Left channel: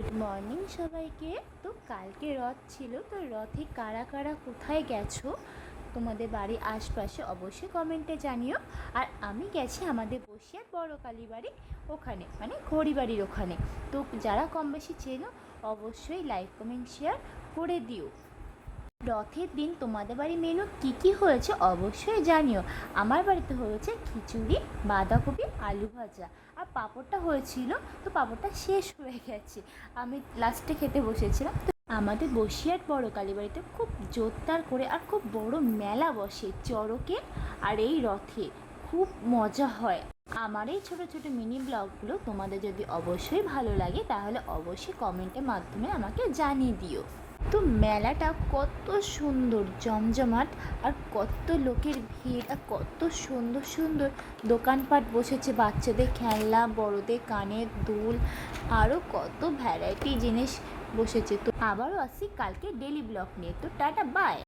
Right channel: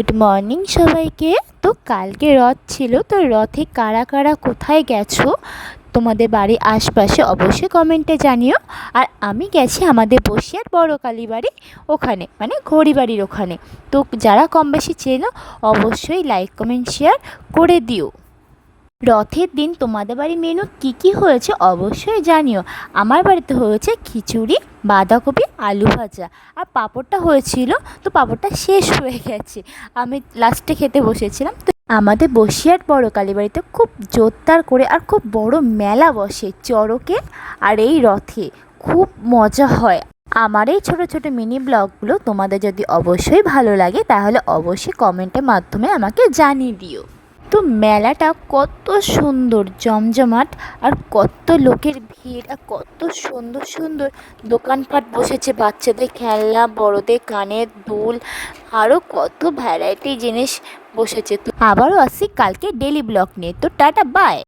Good morning সবাইকে। তো কালকে রথ ছিল, তো রথে কারা কারা কোথায় গেছো তোমাদের বাড়ির আশপাশে অবশ্যই কমেন্টে জানিও। আর আমি গেছি আমাদের বসিয়ার বড় কালী বাড়ি, ওখানে মানে ঘড়ি বাড়ির ওখানে। তো যারা কম বেশি চেনো অবশ্যই লাইক কমেন্ট শেয়ার করে দিও। রথের দিন তোমাদের বাড়ি মেনু কী কী হয়েছে অবশ্যই জানিও। আমার বাড়িতে হয়েছে খিচুড়ি, বাঁধাকপি, আলু ভাজা, আর পাঁপড়টা হয়েছিল। তো পাঁপড়টা শেষ হয়ে গেছে, আমি লাস্টে খেতে বসেছিলাম। তো আমাদের বসিরহাট বড় কালীবাড়িতে খুব জোরদার করে আর খুব বড় মেলা বসে চড়কে আর এই রথে, খুব মজা হয়। আমার এই ছোটো ছোটো মিনি ব্লগগুলো তোমাদের যদি অবশ্যই ভালো লাগে তাহলে অবশ্যই কমেন্টের মাধ্যমে আমাকে জানিয়ে দিও। তো মেলাটা কত সুন্দর জমজমাট, আর কত লোকের ভিড়, আর কত সুন্দর সুন্দর দোকানপাট বসেছে, বাচ্চাদের খেলনা, বড়দের কানের দুল, আরও কত ভ্যারাইটি জিনিস বসেছে। তো আবারও আসছি কালকে ডেলি ব্লগ নিয়ে। তো টাটা বাই।